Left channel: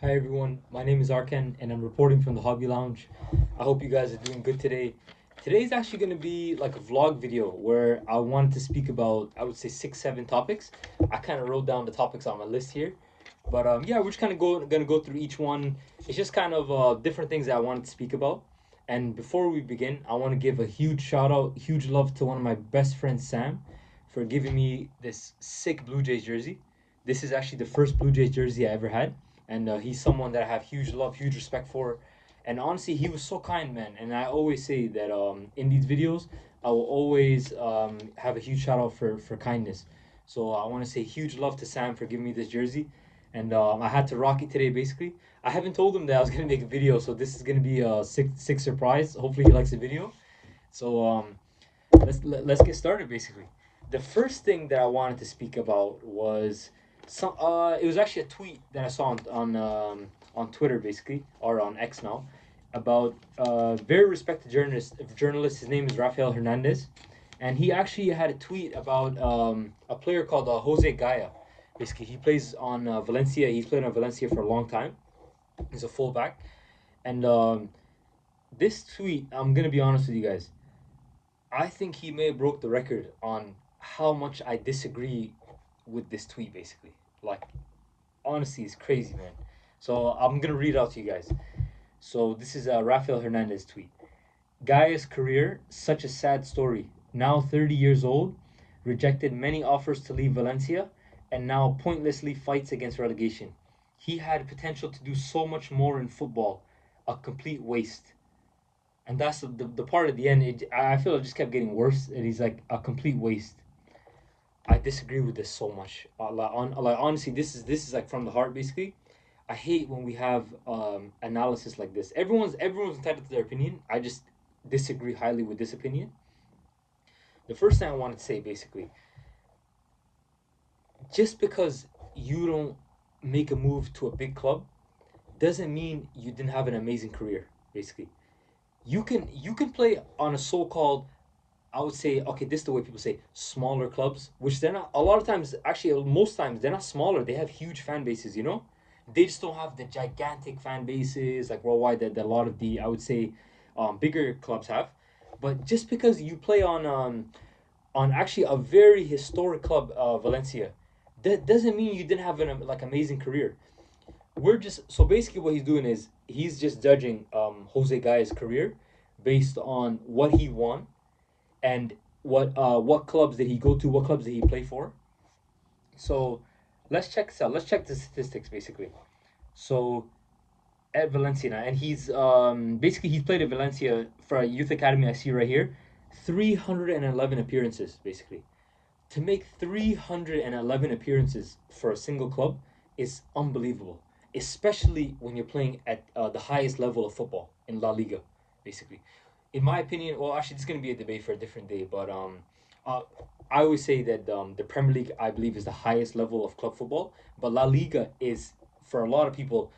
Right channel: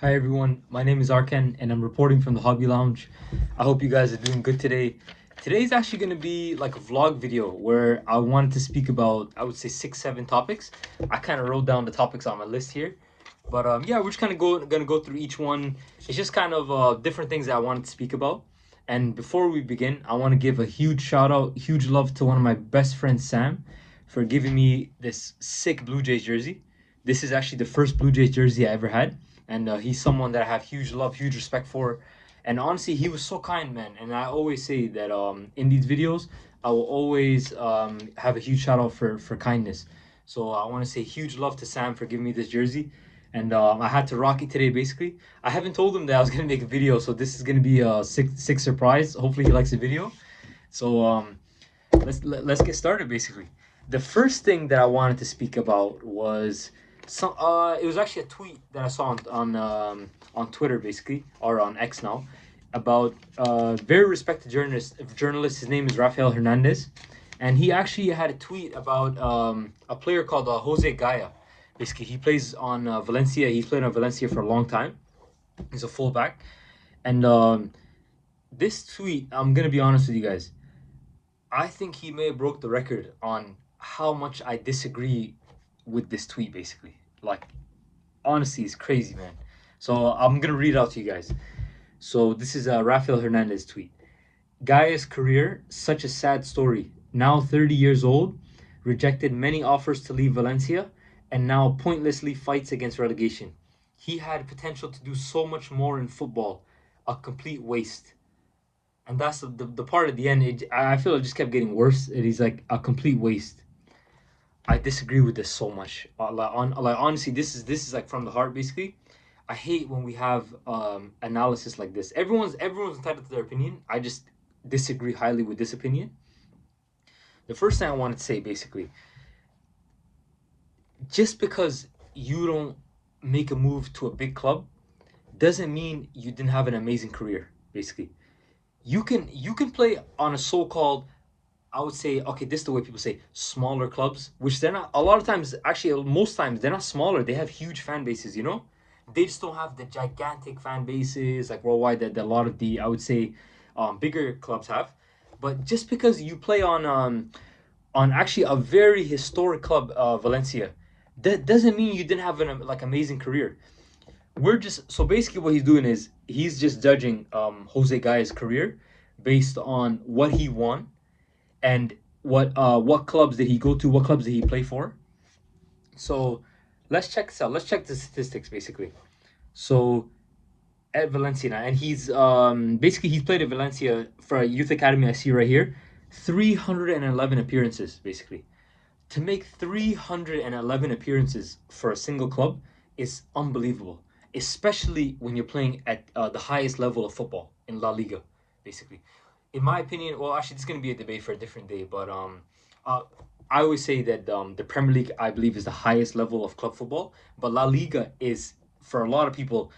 Hi everyone, my name is Arkan and I'm reporting from the Hobby Lounge. I hope you guys are doing good today. Today's actually going to be like a vlog video where I wanted to speak about, I would say 6, 7 topics. I kind of wrote down the topics on my list here. But yeah, we're just kind of gonna go through each one. It's just kind of different things that I wanted to speak about. And before we begin, I want to give a huge shout out, huge love to one of my best friends, Sam, for giving me this sick Blue Jays jersey. This is actually the first Blue Jays jersey I ever had, and he's someone that I have huge love, huge respect for. And honestly, he was so kind, man. And I always say that in these videos, I will always have a huge shout out for kindness. So I want to say huge love to Sam for giving me this jersey. And I had to rock it today, basically. I haven't told him that I was gonna make a video, so this is gonna be a sick surprise. Hopefully, he likes the video. So let's get started. Basically, the first thing that I wanted to speak about was some. It was actually a tweet that I saw on Twitter, basically, or on X now, about very respected journalist. His name is Rafael Hernandez, and he actually had a tweet about a player called Jose Gaya. Basically, he plays on Valencia. He's played on Valencia for a long time. He's a fullback, and this tweet, I'm gonna be honest with you guys. I think he may have broke the record on how much I disagree with this tweet. Basically, like honestly, it's crazy, man. So I'm gonna read it out to you guys. So this is a Rafael Hernandez tweet. Gaya's career, such a sad story. Now 30 years old, rejected many offers to leave Valencia, and now pointlessly fights against relegation. He had potential to do so much more in football. A complete waste. And that's the part at the end. I feel it just kept getting worse. It is like a complete waste. I disagree with this so much. Like honestly, this is like from the heart, basically. I hate when we have analysis like this. Everyone's entitled to their opinion. I just disagree highly with this opinion. The first thing I wanted to say, basically, just because you don't make a move to a big club doesn't mean you didn't have an amazing career. Basically, you can play on a so-called, I would say, okay, this is the way people say smaller clubs, which they're not. A lot of times, actually, most times they're not smaller. They have huge fan bases. They just don't have the gigantic fan bases like worldwide that a lot of the, I would say, bigger clubs have. But just because you play on actually a very historic club, Valencia, that doesn't mean you didn't have an like amazing career. We're just so basically what he's doing is he's just judging Jose Gaya's career based on what he won and what clubs did he go to, what clubs did he play for. So let's check this out. Let's check the statistics basically. So at Valencia now, and he's basically he's played at Valencia for a youth academy. I see right here, 311 appearances basically. To make 311 appearances for a single club is unbelievable, especially when you're playing at the highest level of football in La Liga, basically. In my opinion, well, actually, it's going to be a debate for a different day, but uh, I always say that the Premier League, I believe, is the highest level of club football, but La Liga is, for a lot of people,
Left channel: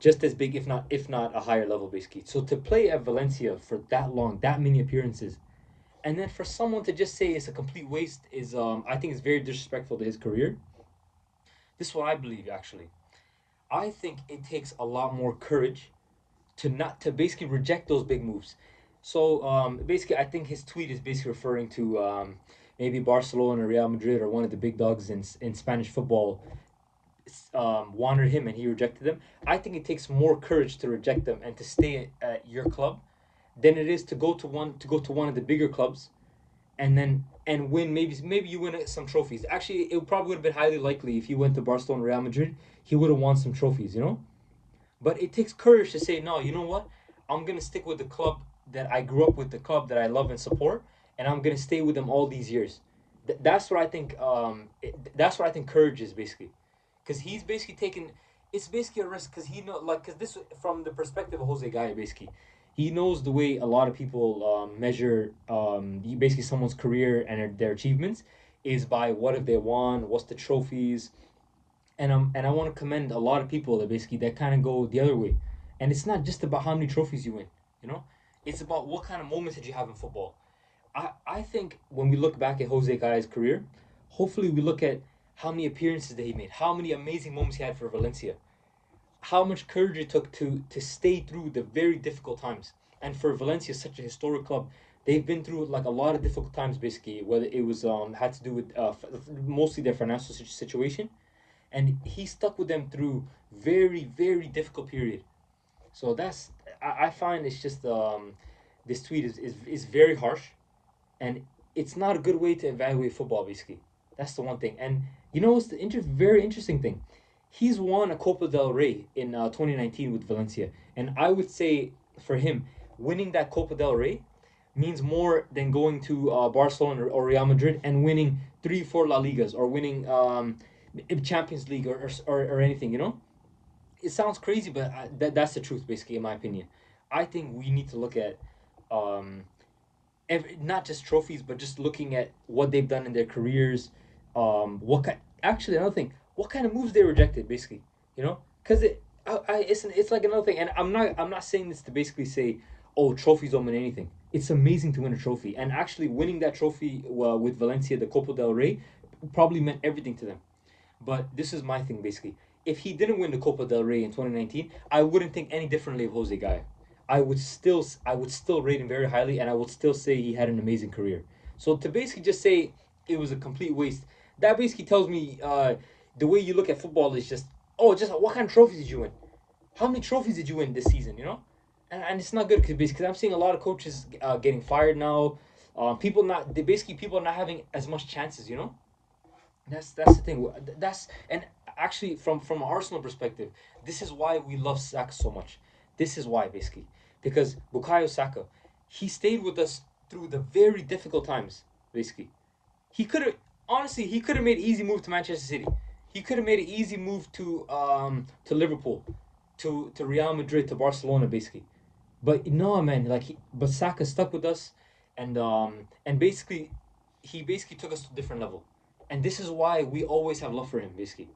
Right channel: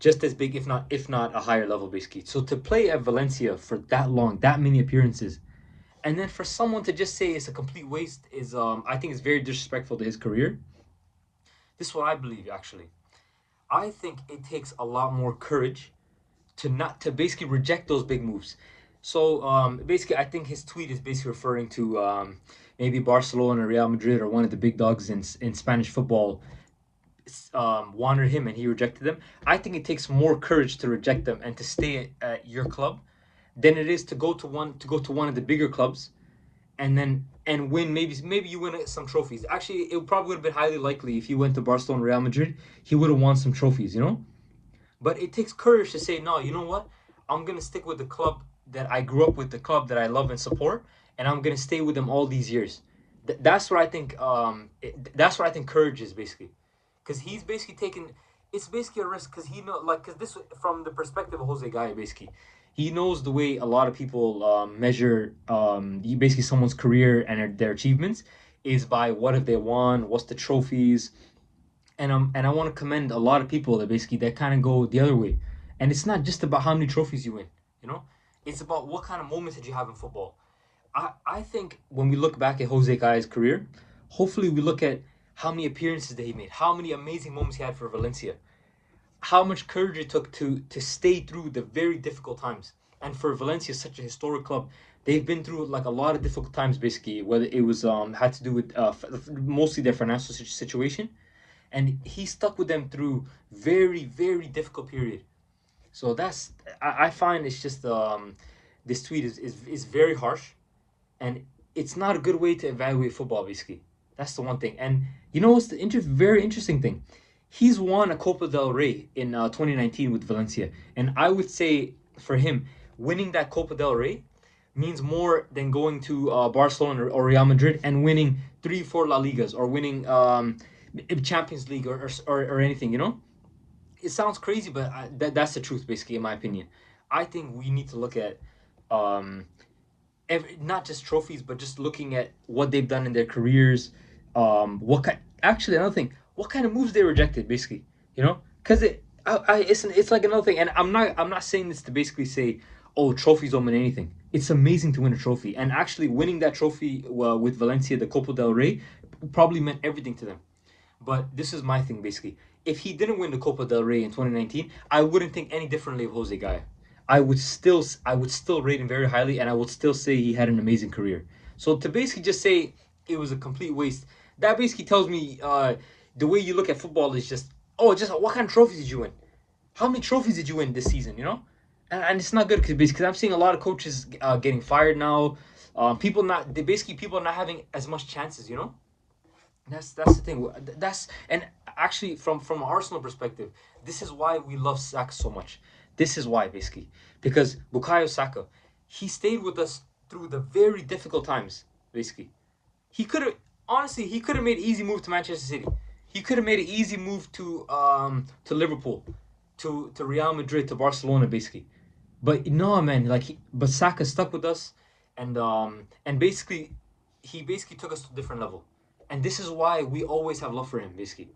just as big, if not a higher level, basically. So to play at Valencia for that long, that many appearances, and then for someone to just say it's a complete waste is, I think, it's very disrespectful to his career. This is what I believe, actually. I think it takes a lot more courage to not to basically reject those big moves. So basically, I think his tweet is basically referring to maybe Barcelona, Real Madrid, or one of the big dogs in Spanish football wanted him and he rejected them. I think it takes more courage to reject them and to stay at your club than it is to go to one of the bigger clubs and win. Maybe you win some trophies. Actually, it probably would have been highly likely if he went to Barcelona, Real Madrid, he would have won some trophies. But it takes courage to say no. You know what? I'm gonna stick with the club that I grew up with, the club that I love and support, and I'm gonna stay with them all these years. That's what I think. That's what I think courage is basically, because he's basically taking. It's basically a risk because he know like because this from the perspective of Jose Gaya basically. He knows the way a lot of people measure basically someone's career and their achievements is by what have they won, what's the trophies, and I want to commend a lot of people that basically that kind of go the other way, and it's not just about how many trophies you win, you know, it's about what kind of moments did you have in football. I think when we look back at Jose Gaya's career, hopefully we look at how many appearances that he made, how many amazing moments he had for Valencia, how much courage it took to stay through the very difficult times. And for Valencia, such a historic club, they've been through like a lot of difficult times. Basically, whether it was had to do with mostly their financial situation, and he stuck with them through very difficult period. So I find it's just this tweet is very harsh, and it's not a good way to evaluate football. Basically, that's the one thing. And you know what's the very interesting thing? He's won a Copa del Rey in 2019 with Valencia, and I would say for him, winning that Copa del Rey means more than going to Barcelona or Real Madrid and winning 3, 4 La Ligas or winning Champions League or anything. You know, it sounds crazy, but that's the truth, basically, in my opinion. I think we need to look at um, not just trophies, but just looking at what they've done in their careers. What kind? Actually, another thing, what kind of moves they rejected, basically. You know, because it's like another thing, and I'm not saying this to basically say, oh, trophies don't mean anything. It's amazing to win a trophy, and actually winning that trophy with Valencia, the Copa del Rey, probably meant everything to them. But this is my thing, basically. If he didn't win the Copa del Rey in 2019, I wouldn't think any differently of Jose Gaya. I would still rate him very highly, and I would still say he had an amazing career. So to basically just say it was a complete waste, that basically tells me the way you look at football is just, oh, just what kind of trophies did you win? How many trophies did you win this season? You know, and it's not good because I'm seeing a lot of coaches getting fired now. People are not having as much chances. You know, that's the thing. That's and actually from Arsenal perspective, this is why we love Saka so much. This is why basically because Bukayo Saka, he stayed with us through the very difficult times. Basically, he could have honestly he could have made an easy move to Manchester City. He could have made an easy move to Liverpool, to Real Madrid, to Barcelona, basically. But no, man, but Saka stuck with us, and basically, he basically took us to a different level, and this is why we always have love for him. Basically,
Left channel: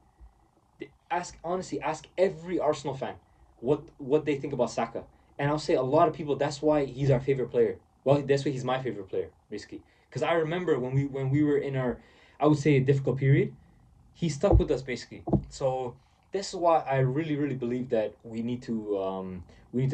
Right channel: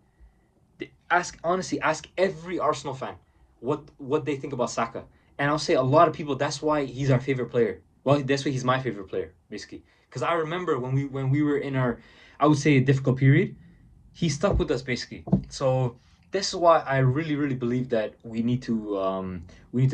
ask every Arsenal fan what they think about Saka, and I'll say a lot of people. That's why he's our favorite player. Well, that's why he's my favorite player, basically, because I remember when we were in our, I would say, a difficult period, he stuck with us basically. So this is why I really believe that we need to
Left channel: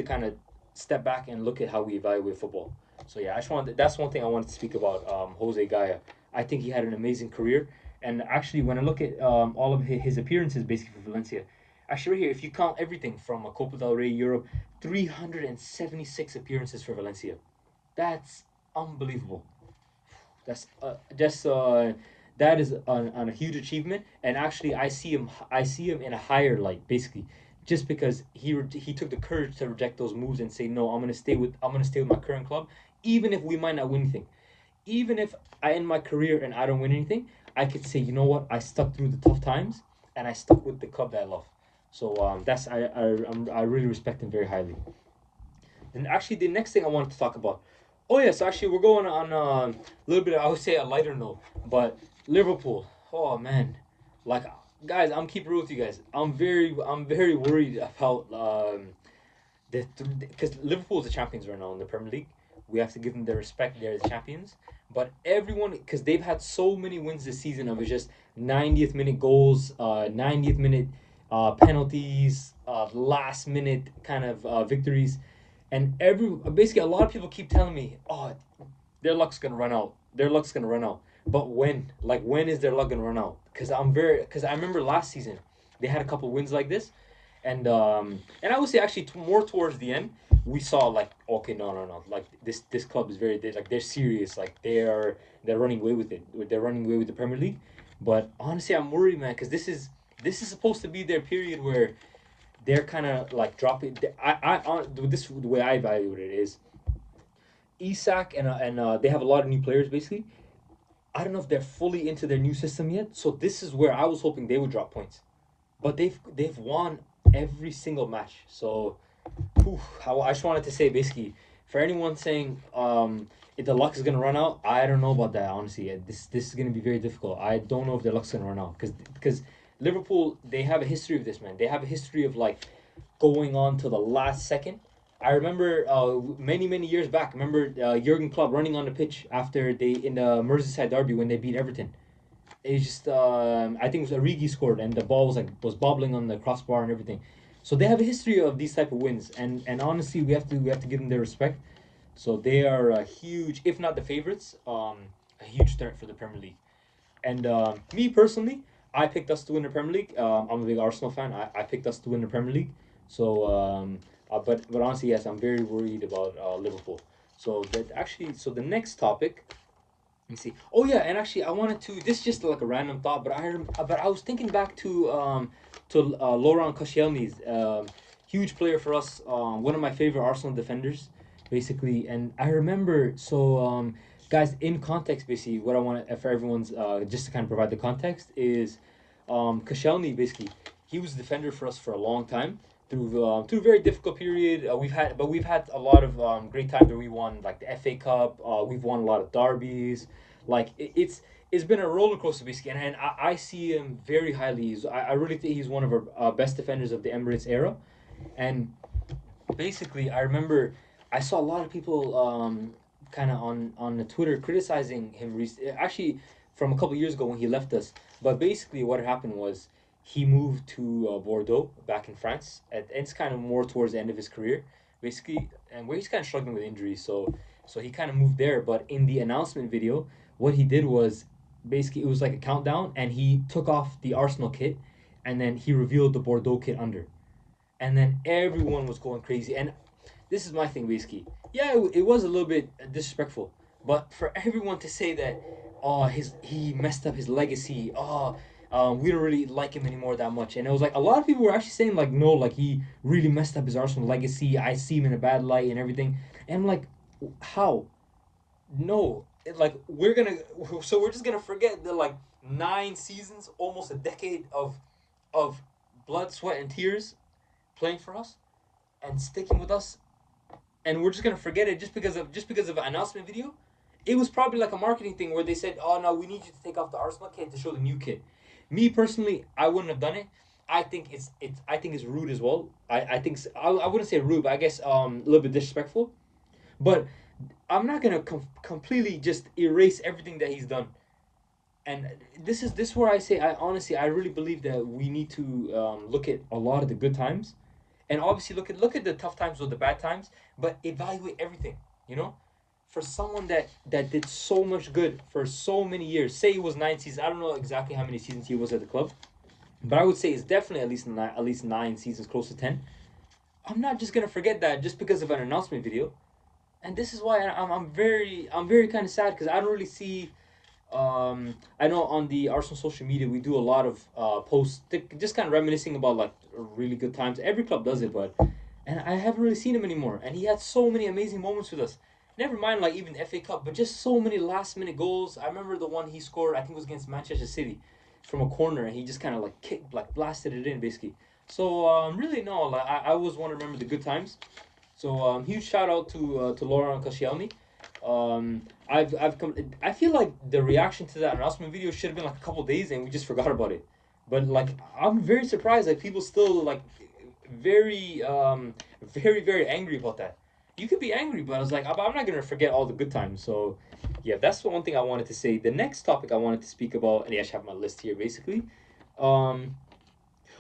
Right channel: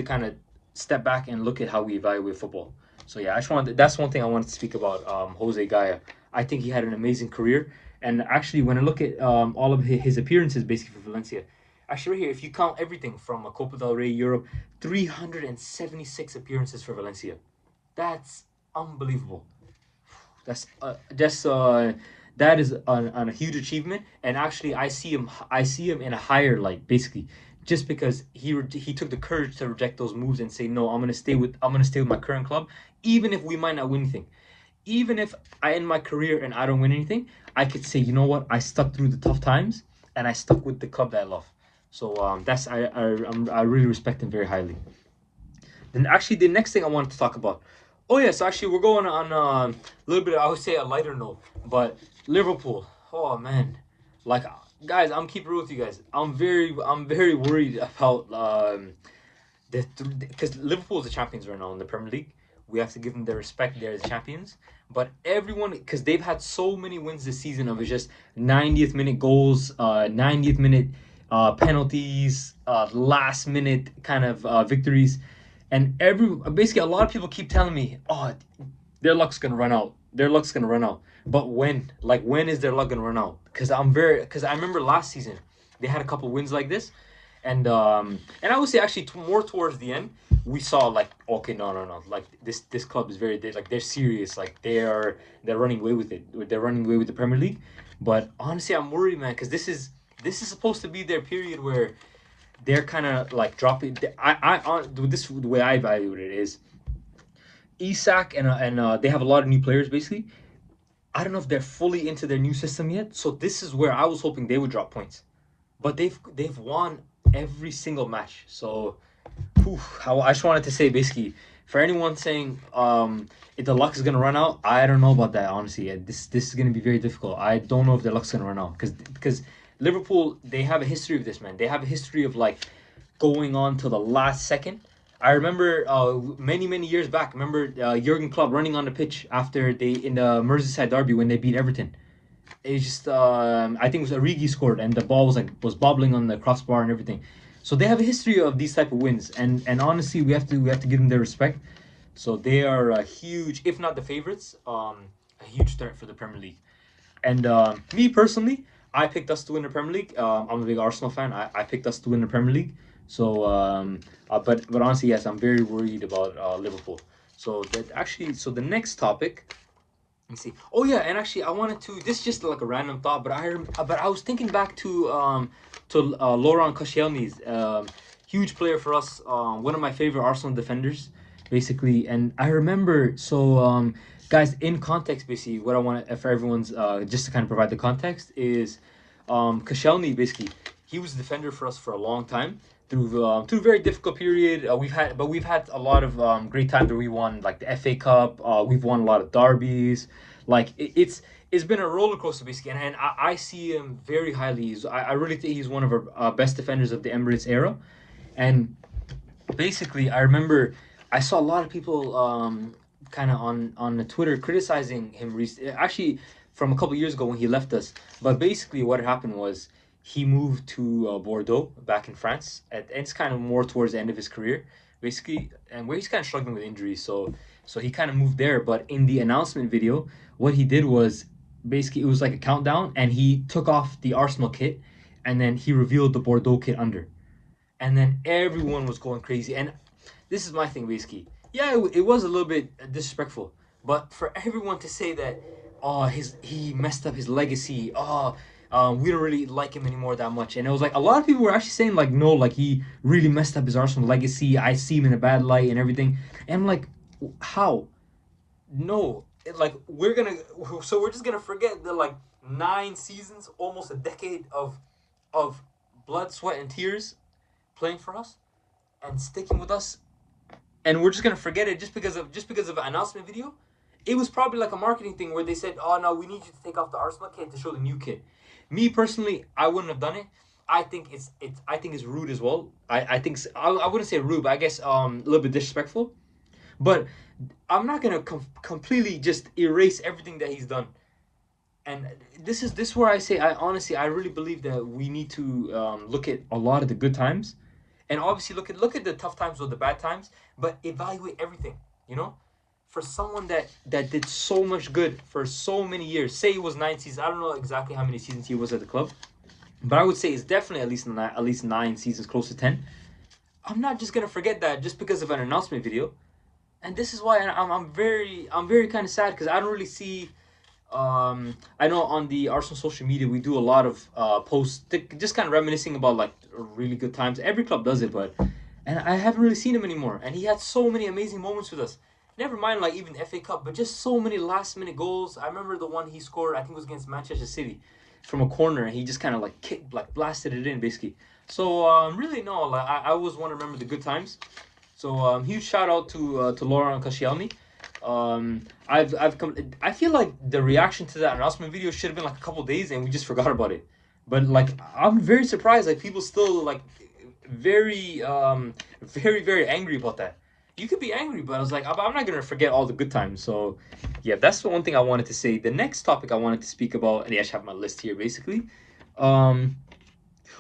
kind of step back and look at how we evaluate football. So yeah, that's one thing I wanted to speak about Jose Gaya. I think he had an amazing career, and actually when I look at all of his appearances basically for Valencia, actually right here, if you count everything from a Copa del Rey, Europe, 376 appearances for Valencia. That's unbelievable. That's just that is a huge achievement, and actually I see him in a higher light, basically, just because he took the courage to reject those moves and say no, I'm gonna stay with my current club, even if we might not win anything, even if I end my career and I don't win anything, I could say, you know what, I stuck through the tough times and I stuck with the club that I love. So that's I really respect him very highly. Then actually, the next thing I wanted to talk about. Oh yes, actually, we're going on a little bit. I would say a lighter note, but Liverpool. Oh man, like guys, I'm keeping real with you guys. I'm very worried about because Liverpool is the champions right now in the Premier League. We have to give them their respect. They're the champions. But everyone, because they've had so many wins this season of just 90th minute goals, 90th minute penalties, last minute kind of victories, and basically a lot of people keep telling me, oh, their luck's gonna run out. Their luck's gonna run out. But when? Like when is their luck gonna run out? Because I remember last season they had a couple wins like this, and I would say actually more towards the end we saw like, okay, no, like this club is they're serious, like they're running away with it, they're running away with the Premier League. But honestly, I'm worried, man, because this is supposed to be their period where they're kind of like dropping. The way I evaluate it is Isak and they have a lot of new players basically. I don't know if they're fully into their new system yet, so this is where I was hoping they would drop points, but they've won every single match. So, I just wanted to say basically for anyone saying if the luck is gonna run out, I don't know about that honestly. This is gonna be very difficult. I don't know if their luck's gonna run out because Liverpool, they have a history of this, man. They have a history of like going on to the last second. I remember many years back. Remember Jurgen Klopp running on the pitch after they in the Merseyside derby when they beat Everton. It's just I think it was Origi scored and the ball was bobbling on the crossbar and everything. So they have a history of these type of wins, and honestly, we have to give them their respect. So they are a huge, if not the favorites, a huge threat for the Premier League. And me personally, I picked us to win the Premier League. I'm a big Arsenal fan. I picked us to win the Premier League. So, but honestly, yes, I'm very worried about Liverpool. So that actually, so the next topic. Let me see. Oh yeah, and actually, I wanted to. This is just like a random thought, but I was thinking back to Laurent Koscielny's huge player for us. One of my favorite Arsenal defenders, basically. And I remember. So guys, in context, basically, what I want for everyone's just to kind of provide the context is, Koscielny basically he was a defender for us for a long time through a very difficult period. We've had a lot of great times where we won like the FA Cup. We've won a lot of derbies. Like it's been a roller coaster basically, and I see him very highly. I really think he's one of our best defenders of the Emirates era, and basically I remember I saw a lot of people kind of on the Twitter criticizing him actually from a couple years ago when he left us. But basically what happened was he moved to Bordeaux back in France, and it's kind of more towards the end of his career basically, and where he's kind of struggling with injuries. So he kind of moved there. But in the announcement video, what he did was basically it was like a countdown, and he took off the Arsenal kit, and then he revealed the Bordeaux kit under, and then everyone was going crazy. And this is my thing, basically. Yeah, it was a little bit disrespectful, but for everyone to say that, oh, he messed up his legacy. Oh, we don't really like him anymore that much. And it was like a lot of people were actually saying like, no, like he really messed up his Arsenal legacy. I see him in a bad light and everything. And I'm like, how? No, like we're just gonna forget the like 9 seasons, almost a decade of blood, sweat, and tears playing for us and sticking with us, and we're just gonna forget it just because of an announcement video. It was probably like a marketing thing where they said, "Oh no, we need you to take off the Arsenal kit to show the new kit." Me personally, I wouldn't have done it. I think it's rude as well. I think I wouldn't say rude, but I guess a little bit disrespectful. But I'm not gonna completely just erase everything that he's done. And this is where I say I honestly I really believe that we need to look at a lot of the good times, and obviously look at the tough times or the bad times, but evaluate everything. You know, for someone that did so much good for so many years. Say it was 9 seasons. I don't know exactly how many seasons he was at the club, but I would say it's definitely at least 9 seasons, close to 10. I'm not just gonna forget that just because of an announcement video. And this is why I'm very kind of sad because I don't really see. I know on the Arsenal social media we do a lot of posts, just kind of reminiscing about like really good times. Every club does it, but and I haven't really seen him anymore. And he had so many amazing moments with us. Never mind like even FA Cup, but just so many last minute goals. I remember the one he scored. I think it was against Manchester City, from a corner, and he just kind of like kicked, like blasted it in basically. So really no, like I always want to remember the good times. So huge shout out to Laurent Koscielny. I've come. I feel like the reaction to that announcement video should have been like a couple days, and we just forgot about it. But like, I'm very surprised. Like people still like very very angry about that. You could be angry, but I was like, I'm not gonna forget all the good times. So yeah, that's the one thing I wanted to say. The next topic I wanted to speak about, and yeah, I should have my list here basically. Um,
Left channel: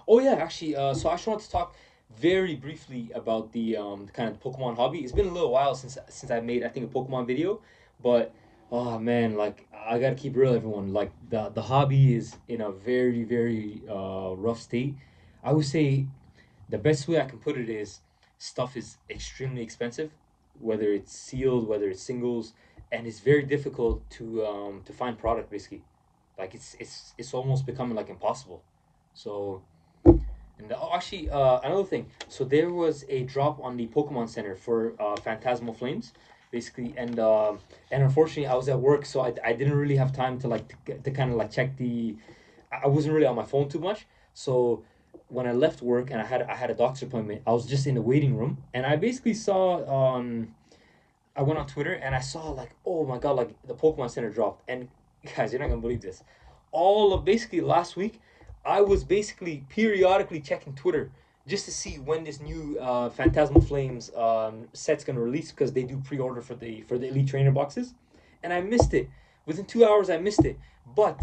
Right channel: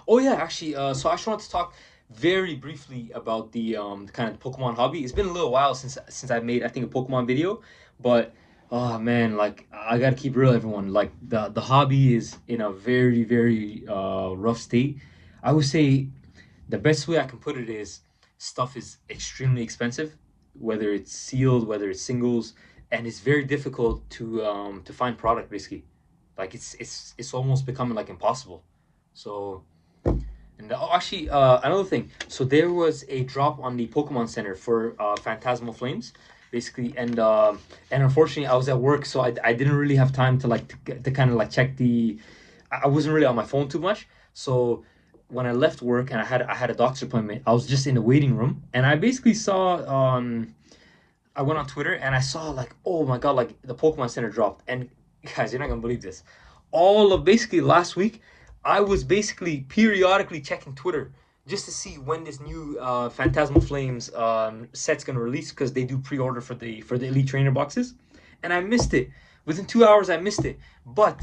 Oh yeah, actually, so I just want to talk very briefly about the kind of Pokemon hobby. It's been a little while since I made I think a Pokemon video, but oh man, like I gotta keep real, everyone. Like the hobby is in a very rough state. I would say the best way I can put it is stuff is extremely expensive, whether it's sealed, whether it's singles, and it's very difficult to find product basically. Like it's almost becoming like impossible. So. And actually, another thing. So there was a drop on the Pokemon Center for Phantasmal Flames, basically, and unfortunately, I was at work, so I didn't really have time to to kind of like check the. I wasn't really on my phone too much, so when I left work and I had a doctor's appointment, I was just in the waiting room, and I basically saw I went on Twitter and I saw like, oh my god, like the Pokemon Center dropped. And guys, you're not gonna believe this. All of basically last week, I was basically periodically checking Twitter just to see when this new Phantasmal Flames set's gonna release because they do pre-order for the Elite Trainer boxes, and I missed it. Within 2 hours, I missed it. But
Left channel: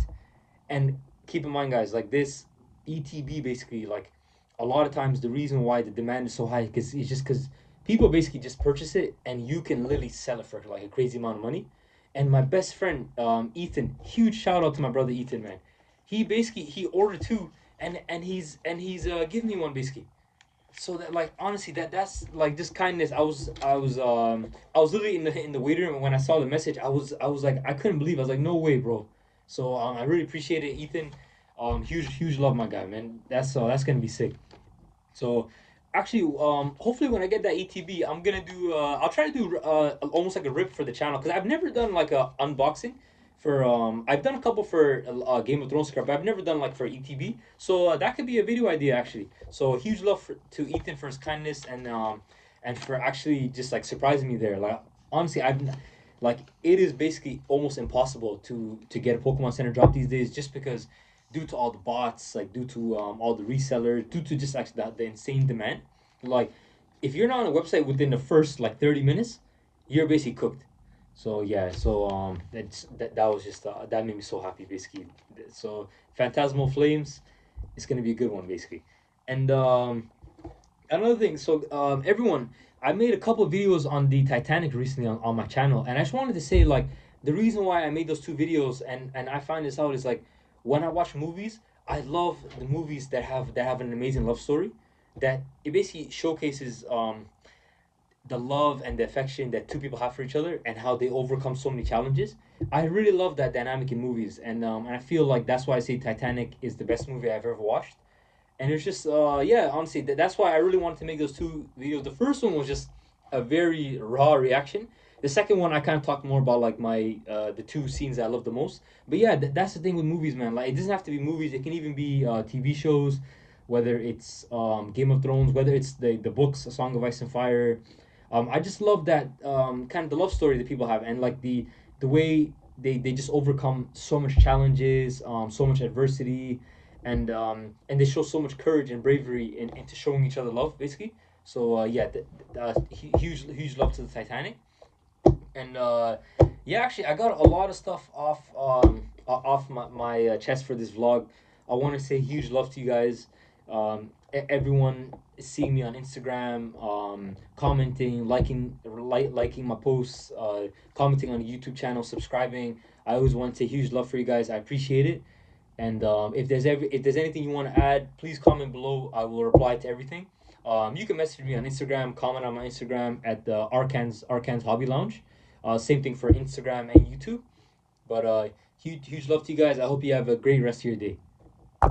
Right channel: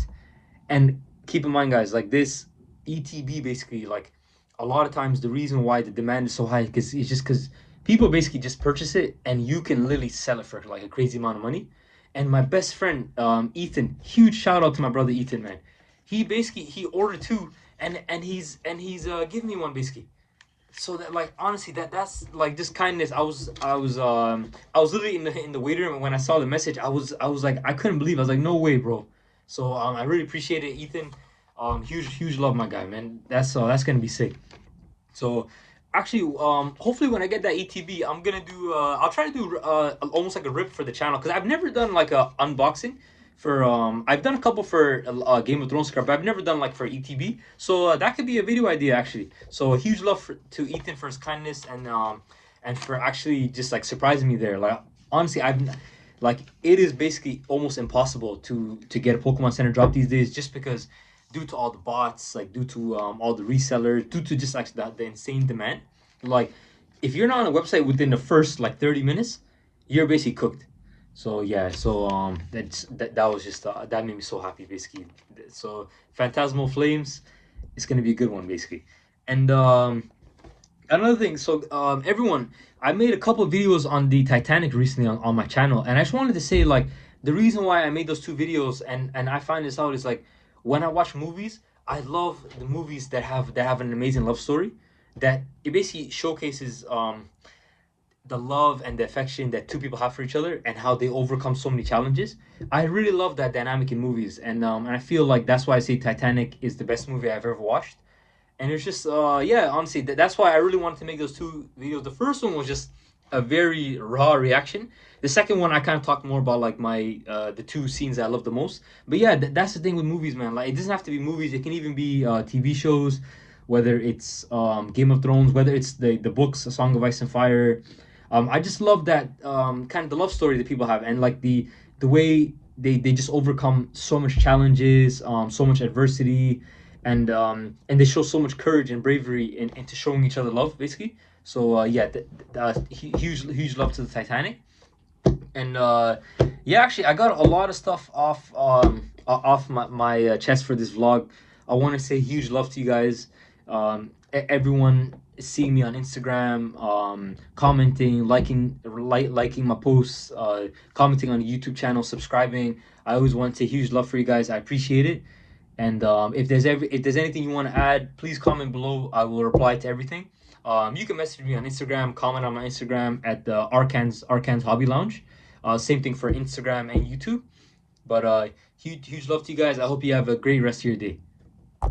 and keep in mind, guys, like this ETB basically like a lot of times the reason why the demand is so high because it's just because people basically just purchase it and you can literally sell it for like a crazy amount of money. And my best friend, Ethan, huge shout out to my brother Ethan, man. He basically he ordered two and he's giving me one basically. So that like honestly that's like just kindness. I was literally in the waiting room when I saw the message. I was like I couldn't believe. I was like no way, bro. So I really appreciate it, Ethan. Huge love, my guy, man. That's gonna be sick. So actually, hopefully when I get that ETB, I'm gonna do. I'll try to do almost like a rip for the channel because I've never done like a unboxing for. I've done a couple for Game of Thrones card, but I've never done like for ETB. So that could be a video idea actually. So a huge love to Ethan for his kindness and for actually just like surprising me there. Like honestly, I've like it is basically almost impossible to get a Pokemon Center drop these days just because due to all the bots, like due to all the resellers, due to just like the insane demand. Like, if you're not on a website within the first like 30 minutes, you're basically cooked. So yeah, so that was just that made me so happy basically. So Phantasmal Flames is gonna be a good one basically, and another thing. So everyone, I made a couple of videos on the Titanic recently on my channel, and I just wanted to say like the reason why I made those two videos and I find this out is like when I watch movies, I love the movies that have an amazing love story, that it basically showcases the love and the affection that two people have for each other and how they overcome so many challenges. I really love that dynamic in movies, and I feel like that's why I say Titanic is the best movie I've ever watched. And it's just yeah, honestly, that's why I really wanted to make those two videos. The first one was just a very raw reaction. The second one I kind of talked more about like my the two scenes I love the most. But yeah, that's the thing with movies, man. Like it doesn't have to be movies, it can even be TV shows, whether it's Game of Thrones, whether it's the books A Song of Ice and Fire. I just love that kind of the love story that people have, and like the way they just overcome so much challenges, so much adversity, and they show so much courage and bravery into showing each other love, basically. So yeah, huge love to the Titanic, and yeah, actually, I got a lot of stuff off my chest for this vlog. I want to say huge love to you guys, everyone seeing me on Instagram, commenting, liking my posts, commenting on the YouTube channel, subscribing. I always want to say huge love for you guys. I appreciate it. And if there's anything you want to add, please comment below. I will reply to everything. You can message me on Instagram, comment on my Instagram at the Arcans Hobby Lounge. Same thing for Instagram and YouTube. But huge love to you guys. I hope you have a great rest of your day.